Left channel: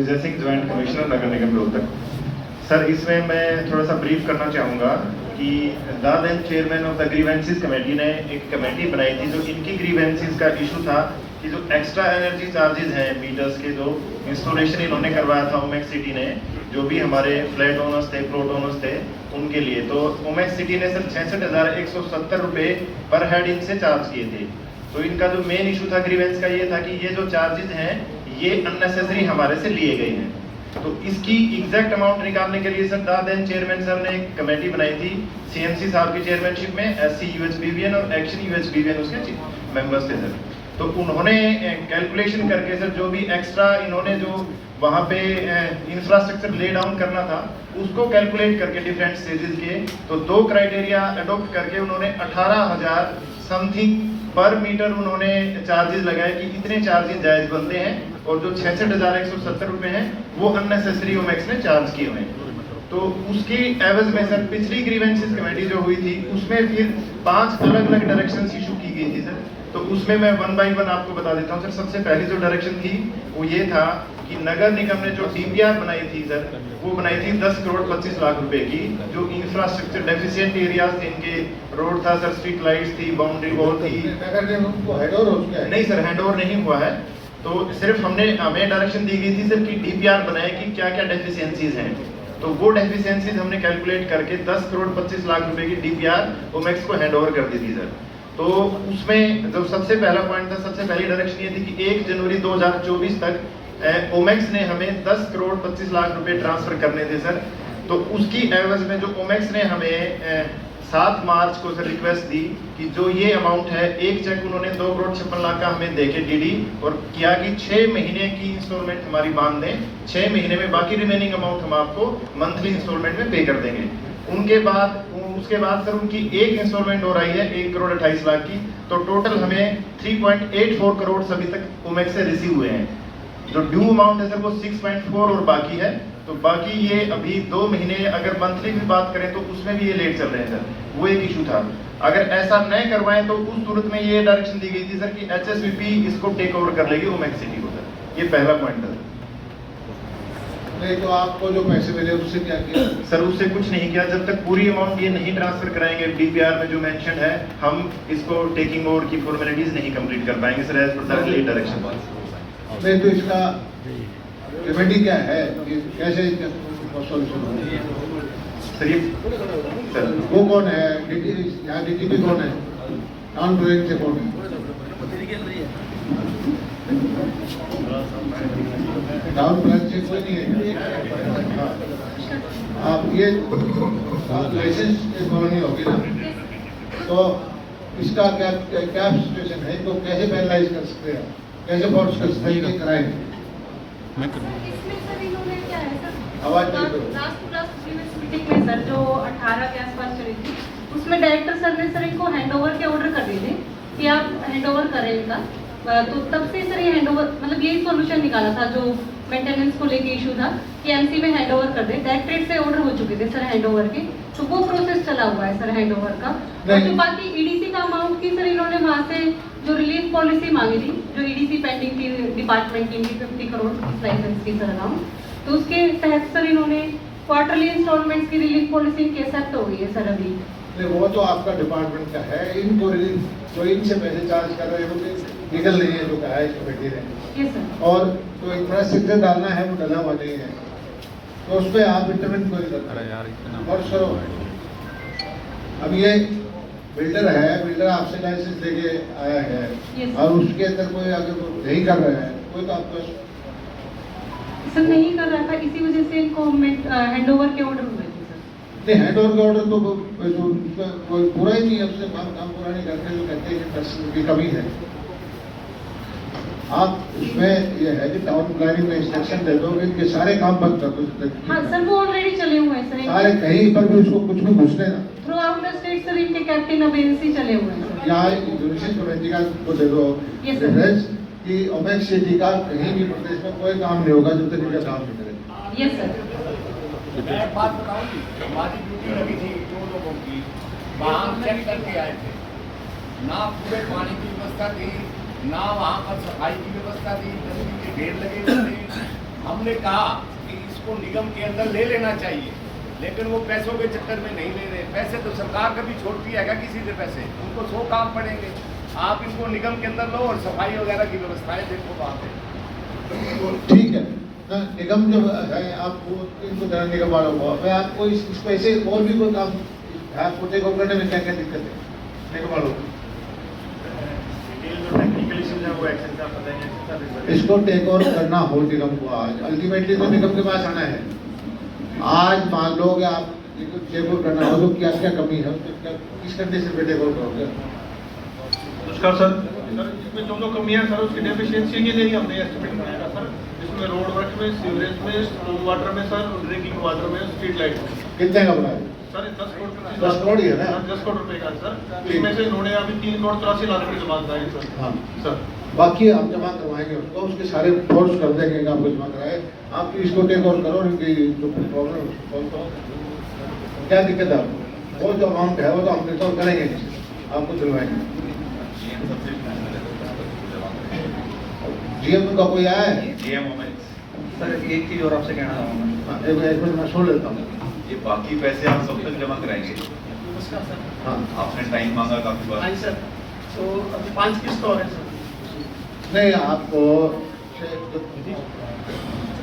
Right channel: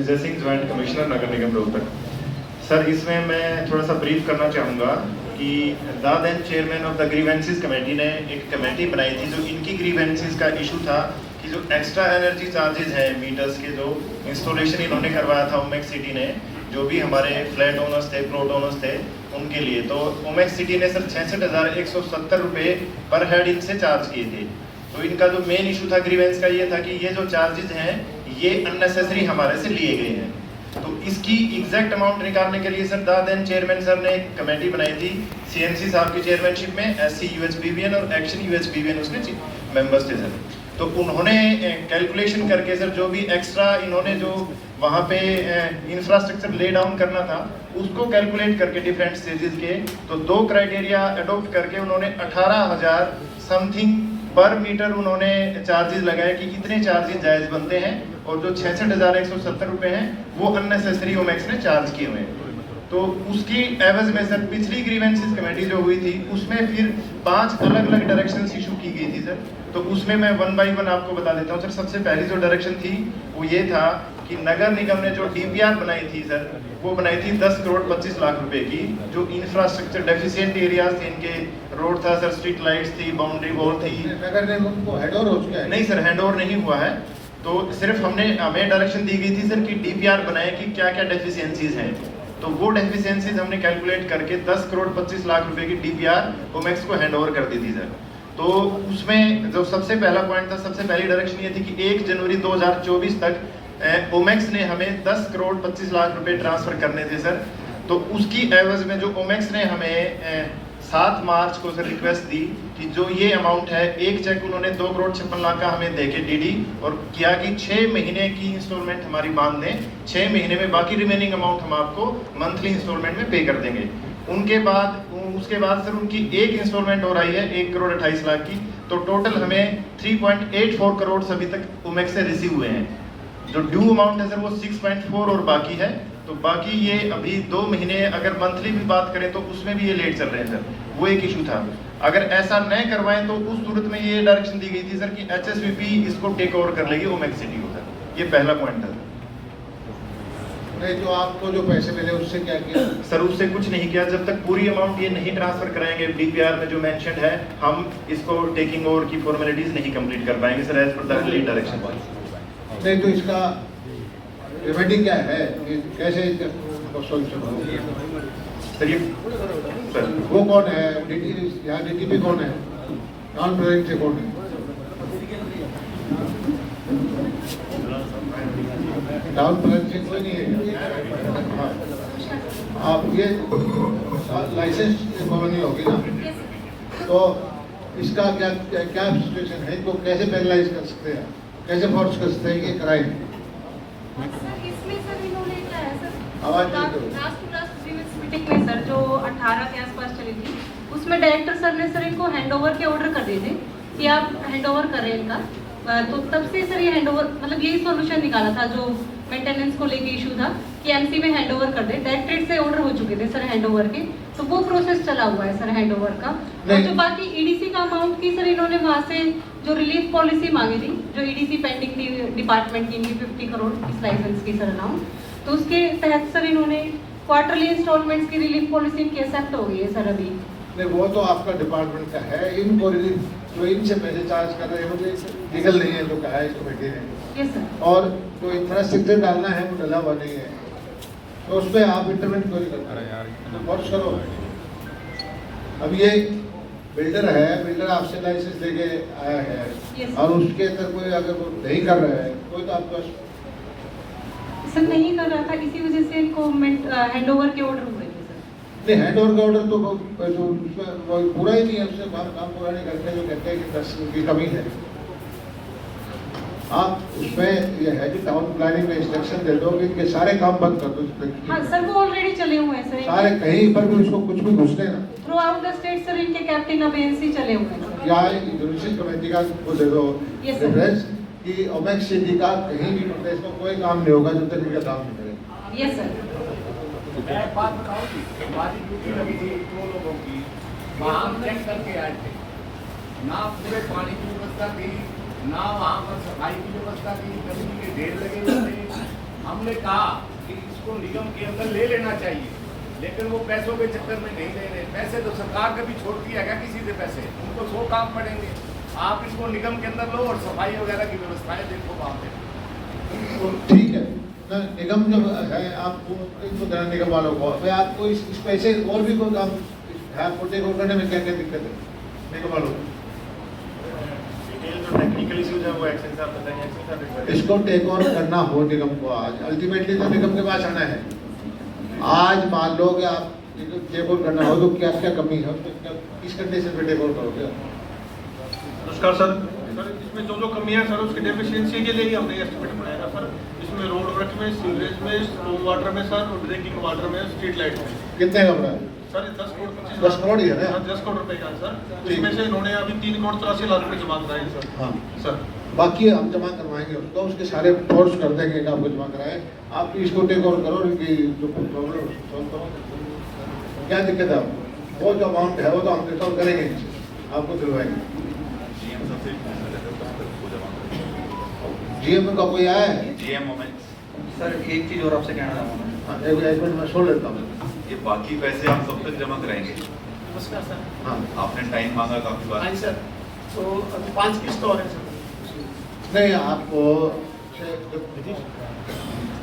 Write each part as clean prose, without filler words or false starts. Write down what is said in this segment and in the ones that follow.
विजय Singh, joint commissioner नगर निगम Rohtak. Sir, इसमें मैं थोड़ा सा ब्रीफ करना चाहूँगा कि दादेन chairman of the grievances committee ने एक कमेटी बनाई थी जो इनकी ग्रीवेंसेस का इशू था कि जो एक्स्ट्रा एनर्जी चार्जेस हैं मीटर्स के, जो इंस्टॉलेशन इन्होंने करवाया था ओमेक्स सिटी ने, जो भी हमारे फ्लैट ओनर्स थे, प्लॉट ओनर्स थे, उनके लिए, तो ओमेक्स सिटी ने सर 66,170 रुपये पर हेड इनसे चार्ज किए थे। तो इनका जो मेन इशू था ग्रीवेंस का ये था कि ये जो चार्जेस हैं ये अननेसेसरी हमारे से लिए गए हैं। तो इसकी एग्जैक्ट अमाउंट निकालने के लिए सर दादेन चेयरमैन सर ने एक कमेटी बनाई थी सीएमसी साहब की चेयरमैनशिप में, एससी यूएचबीवीएन और एक्शन यूएचबीवीएन उसके मेंबर्स थे सर। तो उन्होंने कैलकुलेशन करके सर जो भी एक्स्ट्रा इन्होंने जो वहाँ पे इंफ्रास्ट्रक्चर ले डाउन करना था उसको कैलकुलेट करके डिफरेंट स्टेजेस के, तो 2 क्राइटेरिया अडॉप्ट करके उन्होंने 18,000 समथिंग पर मीटर उन्होंने चार्जेस लगाए कि इतने चार्जेस जायज बनते हैं, और जो 66,170 रुपये हैं वो अननेसेसरी ओमेक्स ने चार्ज किए हुए हैं। तो उसकी एवज में सर पिछली ग्रीवेंसेस कमेटी जो हुई थी उसमें फिर 5 अलग अलग डायरेक्शंस इशू की गई थी सर। तो उसमें मैं 1 बाय 1 आपको बता देता हूँ सर। सबसे पहली जो डायरेक्शन थी वो ये था कि नगर निगम ने जो डीपीआर बनाई थी सर, वो बनाई थी 10 करोड़ 25 लाख रुपए की। जो इंफ्रास्ट्रक्चर डेफिशिएंट एरियाज थे इनके, रोड था सर, स्ट्रीट लाइट्स थी, बाउंड्री वॉल थी। नहीं सर, हैंड ओवर नहीं हुआ है। तो सिर्फ हमें डायरेक्शन दी गई थी सर कि डीपीआर बनाए कि क्या क्या डेफिशिएंसीज हैं। तो वो डेफिशिएंसीज हमने कैलकुलेट करके 10 करोड़ 25 लाख रुपए की डीपीआर ओमेक्स को हैंड ओवर कर दी थी सर। तो उसमें जो सबसे पहला पॉइंट था, सबसे पहली डायरेक्शन ये थी कि 1 जनवरी 2024 तक ओमेक्स ने हमें 10 करोड़ 25 लाख रुपए ट्रांसफर करने थे सर। तो उसकी एवज में जो ओमेक्स ने हमें 7 मार्च को सर रिक्वेस्ट दी कि जो ये अमाउंट है, एक चेक उन्होंने 2 करोड़ 56 लाख का हमें देके डीडी और किया कि 6 महीने की इंस्टॉलमेंट हमारी बांध दें, 6 महीने में बाकी रिमेनिंग अमाउंट हम आपको मंथली इंस्टॉलमेंट में पे कर देंगे। उसके बाद सर उनकी एक इंस्टॉलमेंट हो रही है 1 करोड़ 28 लाख की। तो टोटल हमें 3.84 करोड़ अभी तक ओमेक्स से रिसीव हुए हैं। जो ड्यू अमाउंट है सर वो 6.4 और बाकी है। तो बाकी ये अभी 2 महीने अगर मंथली भी बात करें तो उसमें भी ये लेट चल रहे हैं सर। वो एक इशू था। अगर ऐसा न करवाएं तो उस सूरत में ये डायरेक्शन दी गई थी सर कि एचएसवीपी इसको टेक ओवर कर लेगी ओमेक्स सिटी को सर। ये पहला पॉइंट था। नहीं तो आपको जो पैसे मिले उससे क्या किया सर? उससे कुछ नहीं किया जब तक पूरी अमाउंट ये नहीं ट्रांसफर कराएंगे। डीपीआर में जो मेंशन है हम इसको टेकिंग ओवर की फॉर्मेलिटीज नहीं कंप्लीट कर पाएंगे sir as per the late direction. नहीं तो इसका रेमेडी क्या है कि कैसे सॉल्यूशन होगा? सर वो कौन है? यहाँ डीटीपी कौन है? टाउन प्लानिंग से कौन है? टाउन प्लानिंग से कोई नहीं है। आप ये लाइसेंस कॉलोनी होगी ना, तो इसका क्या क्या सिचुएशन है? तो कैसे पैनलाइज कर सकते हैं, कैसे फोर्स कर सकते हैं कि कराएं? आवाज मीटिंग में सर जो 18 के आसपास चली थी उसमें डायरेक्टर सर ने सर इनको हैंडओवर के ऑर्डर कर दिए थे कि आप हैंडओवर करें इनका। तो तब से सर ये हैंडओवर मतलब यही सॉल्यूशन निकाला था जो मेंटेनेंस को लेके इशू था कि एमसी में हैंडओवर कर दे। डायरेक्टरेट से ऑर्डर हो चुके थे सर हैंडओवर के, तो वो प्रोसेस चला हुआ है सर हैंडओवर का। और जो बाकी ईडीसी का अमाउंट थी सर इन्होंने वहाँ से जो रिलीफ पॉलिसी मांगी थी, जो ईडीसी पेंडिंग थी डिपार्टमेंट की 50 करोड़ इस लाइसेंस की सर अमाउंट, तो उसके तहत सर इन्होंने क्वार्टरली इंस्टॉलमेंट्स की रिलीफ पॉलिसी इनकी एक्सेप्ट हो गई है सर अभी। नहीं वो तो आपका डिपार्टमेंट का है। इनको रिलीफ जो इनसे पैसे चार्ज कर रहे हैं मुझे लीगल नहीं है जो कहा है इसको बैठे हैं। Yes sir. और कोई इंफ्रास्ट्रक्चर डालना है वो डला हुआ नहीं है, तो उस पर आप इंटरवेंट क्यों नहीं करते? वर्ष करो। अब ये बिल्डर है, बिल्डर आपसे लाइसेंस लेके आया है और उसके अंदर कोई अगर नहीं कर रहा है कोई तो आपका सर नहीं कर रहा था, इसी वजह से इनको हैंडओवर के ऑर्डर हुए थे सर। नहीं हैंडओवर का ऑर्डर तो उसका कोई पूरा ही नहीं है, उससे काम पूरा नहीं करते तो कहते हैं कि पैसे की कमी है। आप उसमें यह है कि टाउन प्लानिंग में इंस्ट्रक्शन दे दो कि इनके सारे काम बंद कर दो। हाँ सर वो ऑलरेडी चले हुए हैं सर। सारे कहीं पर भी उसको कुछ भी घुसने ना। Through out the state sir इनके कैप्टन अबेंसी चले हुए हैं सर। या जुडिशियल कमेटी का को दे दो रेफरेंस कि ओमेक्स सिटी का कहीं भी प्रदेश में कोई काम नहीं होगा जब तक इनका काम नहीं करेगा। Yes sir. एक बात बताऊं, हमारी ड्यूटी लगी थी 2 लोगों की, वहाँ चेक करके आए थे, ना पूरे पानी की व्यवस्था थी, ना वहाँ पर सफाई की व्यवस्था थी, गंदगी के ढेर लगे हुए थे, हमने कहा कि इसको निगम के अंदर ले लेना चाहिए, लेकिन वो पैसों के चक्कर में नहीं ले रहे। पैसे तो सरकार कभी छोड़ती है क्या किसी से पैसे? उनको 100 काम पड़ेंगे। आप इसको निगम के अंदर लो और सफाई वगैरह की व्यवस्थाएं देखो वहाँ पे। तो ठीक है ना, निगम जो है आपको इनको देना निगम वालों को, तो आपको इस पैसे और भी कोई काम आपको टेक ओवर करने में क्या क्या दिक्कत है निगम वालों को? टेक्निकल इश्यूज है वो एक्शन साहब बताएंगे। एक्शन साहब एक बार इसको टेक ओवर करना हो निगम को आज, अल्टीमेटली तो निगम के पास आना है। आज मान लो कि आप टेक ओवर करना हो तो क्या क्या कमी है, किस कंडीशन पे टेक ओवर करोगे? नमस्कार सर। इसमें जो कमियां सर उसकी डेफिशिएंसी के लिए ही हमने एस्टिमेट बनाया सर। इसमें रोड वर्क में, सीवरेज में, स्टॉर्म वाटर में सर, ड्रिंकिंग वाटर में, स्ट्रीट लाइट में। कितने का बना सर 10 करोड़ 10 करोड़ ही है ना? 10 करोड़ रुपए का सर। इसमें से इन्होंने अभी 3 करोड़ 83 लाख रुपए जमा कराए सर। हाँ सर बाकी हम जमा करवाएंगे उसको, उसके सारे फोर्स कर देंगे कि आपको जमा कराए। आप इसको टेक ओवर करो, उनकी प्रॉब्लम क्या दिक्कत है आपको? वो जो अमाउंट है वो तो हम रिकॉर्ड करेंगे, आपको दिलवाएंगे। जीएम का कोई आया है? जीएम मोमेंट्स सर, एक चीज और आपसे कहना चाहूँगा। हाँ, एक मिनट मैं सुन लेता हूँ। ये बाकी पैसे हम सब तक जमा कराएंगे। हाँ आपने टाइम मांगा काफी बार। सर तो 5 किस्त और है सर। नहीं, आपको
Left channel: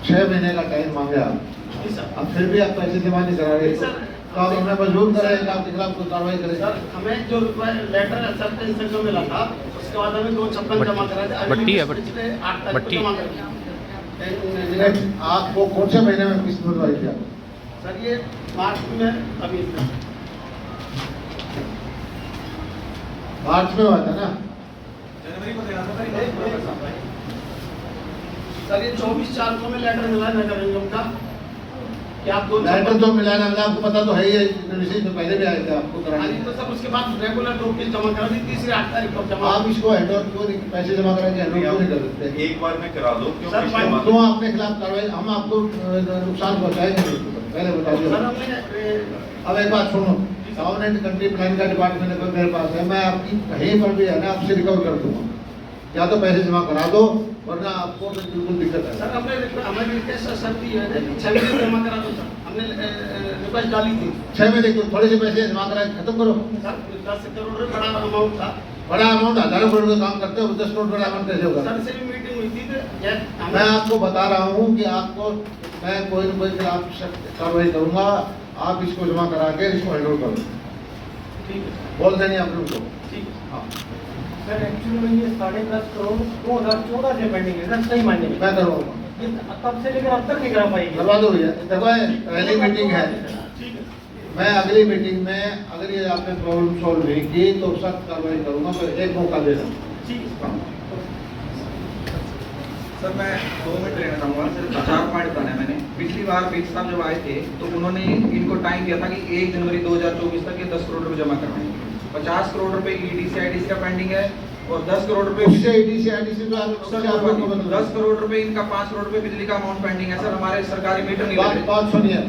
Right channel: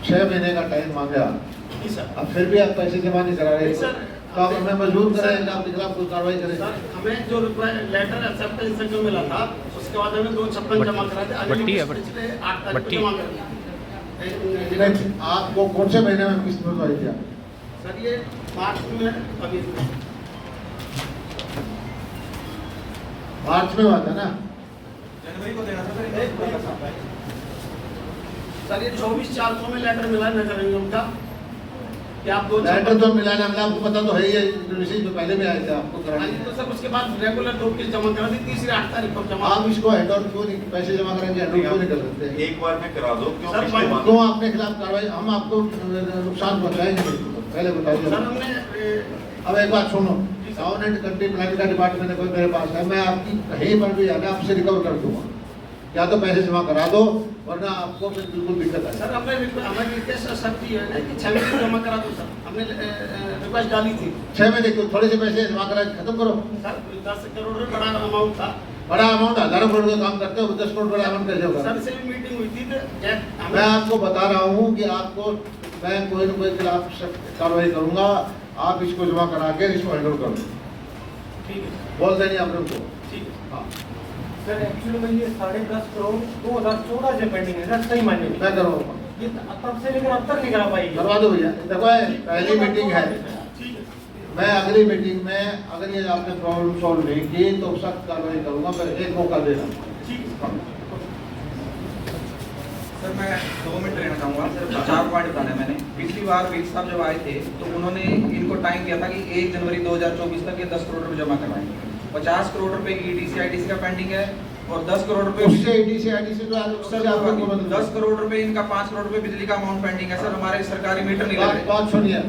6 महीने का टाइम मांगा, अब फिर भी आप पैसे जमा नहीं करा रहे, तो आप हमें मजबूर करें, आपके खिलाफ कोई कार्रवाई करें। सर हमें जो लेटर एक्सेप्टेंस से जो मिला था उसके बाद हमें 256 जमा कराए थे। बट्टी है, पिछले 8 तारीख बट्टी। को जमा कर दिया। आपको कौन से महीने में किस्त मिलवाई थी? सर ये मार्च में अभी मार्च में हुआ था ना? जनवरी को देना था सर ये 24/4 को में लेटर मिला नगर निगम का कि आप 2 लेटर तो मिला ना मिला, आपको पता तो है ही है, नोटिस में पहले भी आए थे आपको कराने। तो सर उसके बाद रेगुलर 2 किस्त जमा करा दी, तीसरी 8 तारीख को जमा। आप इसको हेड ऑन क्यों नहीं, पैसे जमा कराएंगे हेड ऑन क्यों नहीं कर सकते? एक बार में करा दो, क्यों सर, पिछले माह- क्यों आपके खिलाफ कार्रवाई? हम आपको नुकसान पहुंचाएंगे नहीं, पहले सर बताइए। हमने अब एक बात सुनो, टाउन एंड कंट्री प्लान का डिपार्टमेंट अगर मेरे पास है, मैं आपकी कहीं पर भी है ना आपसे रिकवर कर दूंगा, या तो पैसे जमा करा दो, वरना आपको फिर बिल्कुल दिक्कत सर आएगी। हमने रिक्वेस्ट सर दी है कि 6 महीने जमा करा दो सर। हमने रिक्वेस्ट डाली थी 6 महीने के थोड़े से पैसे जमा करा खत्म करो। सर 10 करोड़ रुपए बड़ा अमाउंट था बड़ा अमाउंट 1000 करोड़ का काम करते हो, 10 करोड़ बड़ा अमाउंट कैसे होगा? सर से भी मीटिंग हुई थी तो मैं आपको बता रहा हूँ कि आपको मैं कोई न कोई खिलाफ सख्त कार्रवाई करूंगा, आप इसको जमा करा के इसको हैंडल करो। ठीक है बोल देंगे आप उनको। ठीक है हाँ सर एक्चुअली में ये 10.5 करोड़ 2014 से पेंडिंग है सर, सही मायने में मैं करवाऊंगा, ये तब से लेकर अब तक नहीं करा पाई करवा दो भैया। देखो पहली मीटिंग है, मैं अगली मीटिंग में अगर ये आपने प्रॉब्लम सॉल्व नहीं की तो सख्त कार्रवाई करूंगा। मैं एक मौका दे रहा हूँ। सर मैं 2 मिनट रहना चाहूँगा सर। 4 पॉइंट बताने मैंने। पिछली बार बिग साहब जब आए थे तो उन्होंने इनको टाइम दिया था कि 1 जनवरी 2024 तक ये 10 करोड़ रुपए जमा करवाएंगे। 50 करोड़ रुपए की EDC IDC का पेंडिंग है और 10 करोड़ रुपए उससे EDC IDC तो सर 10 करोड़ रुपए इनका 5 करोड़ रुपए बिजली का अमाउंट पेंडिंग है सर। हमारे सरकारी मीटर नहीं लग रहे। बात सुनिए,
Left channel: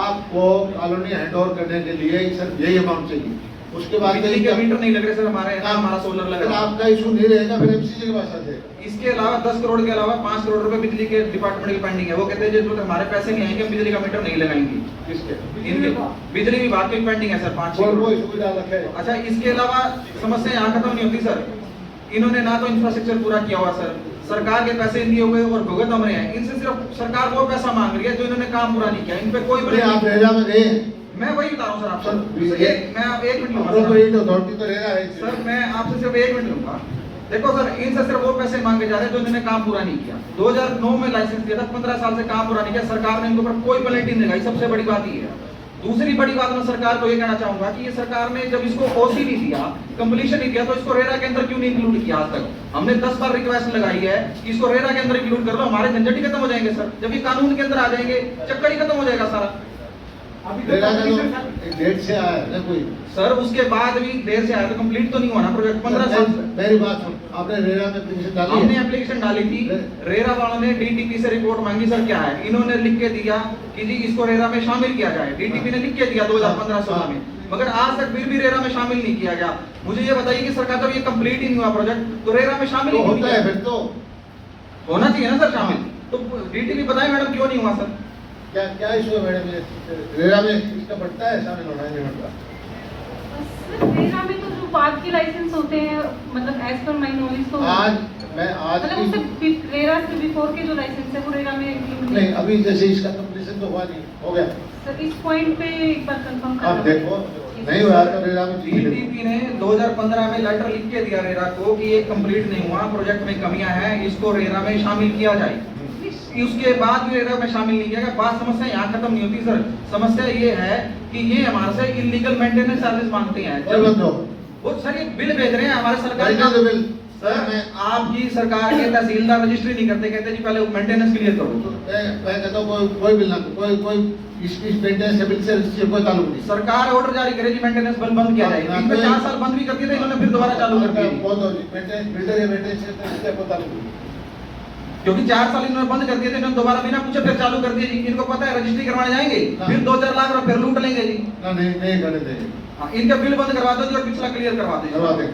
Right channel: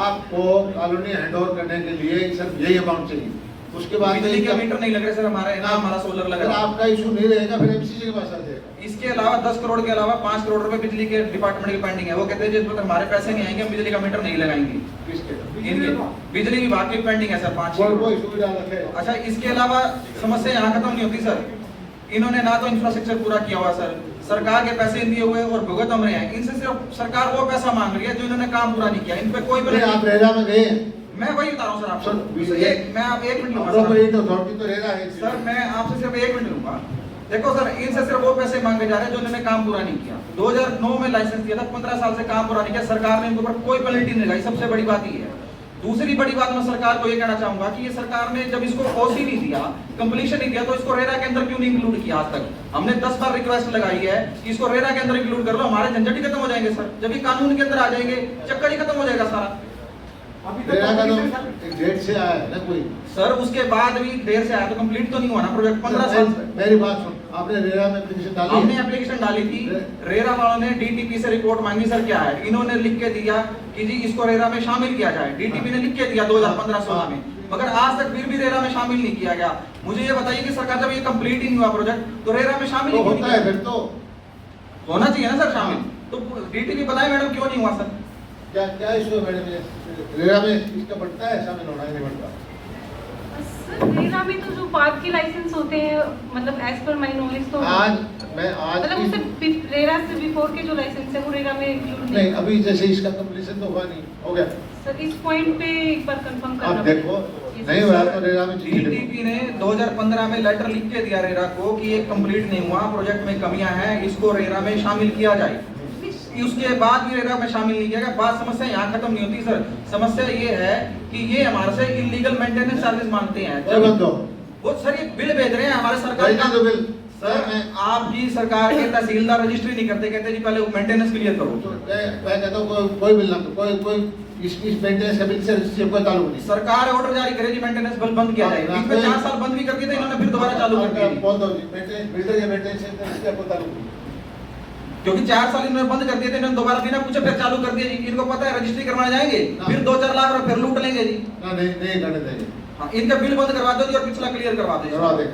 आपको कॉलोनी हैंड ओवर करने के लिए सिर्फ यही अमाउंट चाहिए, उसके बाद बिजली के मीटर नहीं लग रहे सर हमारे, ना हमारा सोलर लग अगर रहा है। आपका इशू नहीं रहेगा फिर MCC के पास आ जाएगा। इसके अलावा 10 करोड़ के अलावा 5 करोड़ रुपए बिजली के डिपार्टमेंट की पेंडिंग है। वो कहते हैं जब तक हमारे पैसे नहीं आएंगे हम बिजली का मीटर नहीं लगाएंगे। किसके? इनके बिजली विभाग की पेंडिंग है सर 5 करोड़। कोई सुविधा रखे। अच्छा इसके अलावा समस्या यहाँ खत्म नहीं होती सर। इन्होंने ना तो इंफ्रास्ट्रक्चर पूरा किया हुआ सर, सरकार के पैसे दिए हुए और भुगत हम रहे हैं। इनसे सिर्फ सरकार वो पैसा मांग रही है जो इन्होंने काम पूरा नहीं किया। इन पे कोई आप रेरा में गए? मैं वही बता रहा हूँ सर आपको। सर, मैं आप 1 मिनट लूंगा अप्रोप्रिएट अथॉरिटी तो रेरा है सर। मैं आपसे सिर्फ 1 मिनट लूंगा। देखो सर इनसे सिर्फ वो पैसे मांगे जा रहे हैं जो इन्होंने काम पूरा नहीं किया। 2009 में लाइसेंस दिया था, 15 साल से काम पूरा नहीं किया। सरकार ने इनके ऊपर कोई पेनल्टी नहीं लगाई। सबसे बड़ी बात ये है। दूसरी बड़ी बात मैं सरकार को ये कहना चाहूंगा कि ये सरकार ने जब इसको ओसी नहीं दिया, कंप्लीशन नहीं दिया, तो इसको रेरा के अंदर क्यों नहीं इंक्लूड किया आज तक? हमने 10 बार रिक्वेस्ट लगाई है इसको रेरा के अंदर इंक्लूड कर लो, हमारे झंझट ही खत्म हो जाएंगे सर। जब ये कानून के अंदर आ जाएंगे चक्कर ही खत्म हो जाएगा सारा। रेरा का तो डेट से आया है ना कोई? सर उसके बाद भी देर से आया तो कंप्लीट तो नहीं हुआ ना प्रोजेक्ट। 15 साल मेरी बात सुन, आपने रेरा में एप्लीकेशन डाली हमने है? एप्लीकेशन डाली थी। रेरा वालों ने डीटीपी से रिपोर्ट मांगी सर क्या है, इन्होंने लिख के दिया कि जी इसको रेरा में शामिल किया जाए। डीटीपी ने लिख के दिया 2015-16 में, मगर आज तक फिर भी रेरा में शामिल नहीं किया गया। मुझे ये बताइए कि सरकार जब ये कंप्लीट ही नहीं हुआ प्रोजेक्ट तो रेरा में शामिल ही क्यों नहीं होता है किया? फिर तो होना चाहिए ना सर शामिल। तो डीटीपी बताएं मैडम क्यों नहीं हुआ सर? क्या क्या इशू है मैडम? ये रेरा में इसका बढ़ता है, ऐसा नहीं होना नहीं बढ़ता। रेरा में तो जो बाद के लाइसेंस होते हैं, मतलब एज पर माई नॉलेज तो आज मतलब उससे रेरा से बिफोर के जो लाइसेंस है वो रेरा में इंक्लूड नहीं, अभी जैसे इसका कंप्लीशन तो हुआ नहीं, हो गया। सर इस पॉइंट पे एक बार कंफर्म करना आप देखो, नहीं हुआ तो रेरा में डीटीपी ने 2015 में लेटर लिख के दिया रेरा को कि ये कंप्लीट नहीं हुआ, प्रोजेक्ट में कमियां हैं, इसको रेरा में शामिल किया जाए। उसके बाद भी रेरा में शामिल नहीं किया गया। बात समस्या यहाँ खत्म नहीं होती सर। समस्या ये है कि ये हमारे से इलीगल मेंटेनेंस चार्जेस मांगते हैं। वो सर ये बिल भेज रहे हैं हमारे सरकार का बिल। सर आपकी सरकार के तहसीलदार रजिस्ट्री नहीं करते, कहते जी पहले मेंटेनेंस क्लियर करो। मैं कहता हूँ कोई बिल ना, कोई इस मेंटेनेंस के बिल से रजिस्ट्री कोई ताल्लुक नहीं। सरकार ऑर्डर जारी करे जी मेंटेनेंस बिल बंद किया जाए। बीच में 4 साल बंद भी कर दिए थे इन्होंने, फिर दोबारा चालू कर दिया। बहुत होती मेंटेनेंस बिल्डर या मेंटेनेंस से कोई ताल्लुक नहीं, क्योंकि 4 साल इन्होंने बंद कर दिए थे, इन्होंने दोबारा बिना पूछे फिर चालू कर दिया जी। इनको पता है रजिस्ट्री करवाने जाएंगे फिर 2-4 लाख रुपए फिर लूट लेंगे जी। नहीं करने देंगे। इनका बिल बंद करवा दो जी और पिछला क्लियर करवा दो।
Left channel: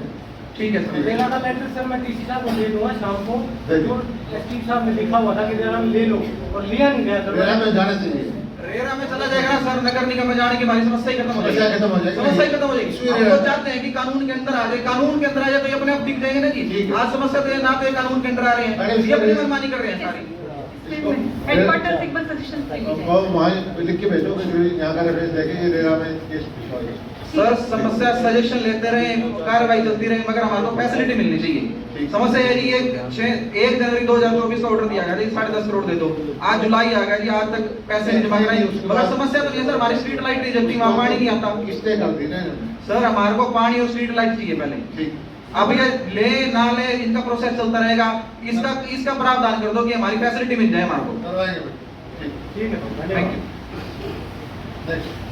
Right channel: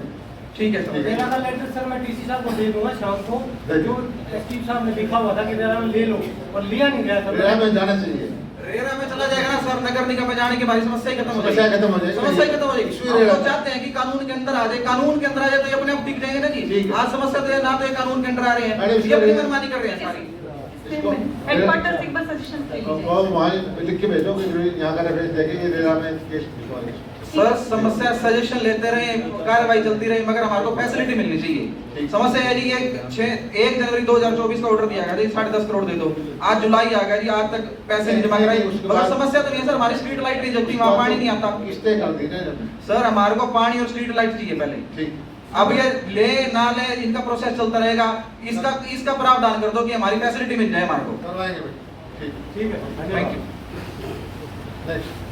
ठीक है सर। रेरा का लेटर सर मैं टीसी साहब को दे दूंगा शाम को। दे दो। जो एसपी साहब ने लिखा हुआ था कि रेरा में ले लो, और लिया नहीं गया सर। रेरा में जाना चाहिए। रेरा में चला जाएगा ना सर, नगर निगम में जाने की हमारी समस्या ही खत्म हो समस्या जाएगी। खत्म हो जाएगी। समस्या ही खत्म हो जाएगी। इशू हम रेरा। तो चाहते हैं कि कानून के अंदर आ जाए, कानून के अंदर आ जाए तो ये अपने आप दिख जाएंगे ना जी। ठीक है। आज समस्या तो ये ना तो ये कानून के अंदर आ रहे अरे हैं, इसको ये अपनी रेरा- मनमानी कर रहे हैं सारी। हेडक्वार्टर से एक बार सजेशन ले लीजिए। वो वहाँ लिख के भेजो कि जो यहाँ का रेफरेंस देके ये रेरा में केस भिजवा दो। सर समस्या सजेशन लेते रहे, कार्रवाई चलती रही, मगर हमारे को फैसिलिटी मिलनी चाहिए। समस्या है जी, 1 जनवरी 2024 का ऑर्डर दिया गया जी 10.5 करोड़ दे दो। आज जुलाई आ गया जी, आज तक पैसे नहीं जमा कराई। मगर समस्या तो ये सर हमारी स्ट्रीट लाइट नहीं जलती, वहाँ पानी नहीं आता। किस्तें कर दी ना। सर हमारे को पानी और स्ट्रीट लाइट चाहिए पहले। ठीक। अब ये ले ना ले इनका प्रोसेस चलता रहेगा। इसका प्रावधान कर दो कि हमारी फैसिलिटी मिल जाए हमारे को। करवाएंगे। ठीक ठीक है, थैंक यू। नेक्स्ट।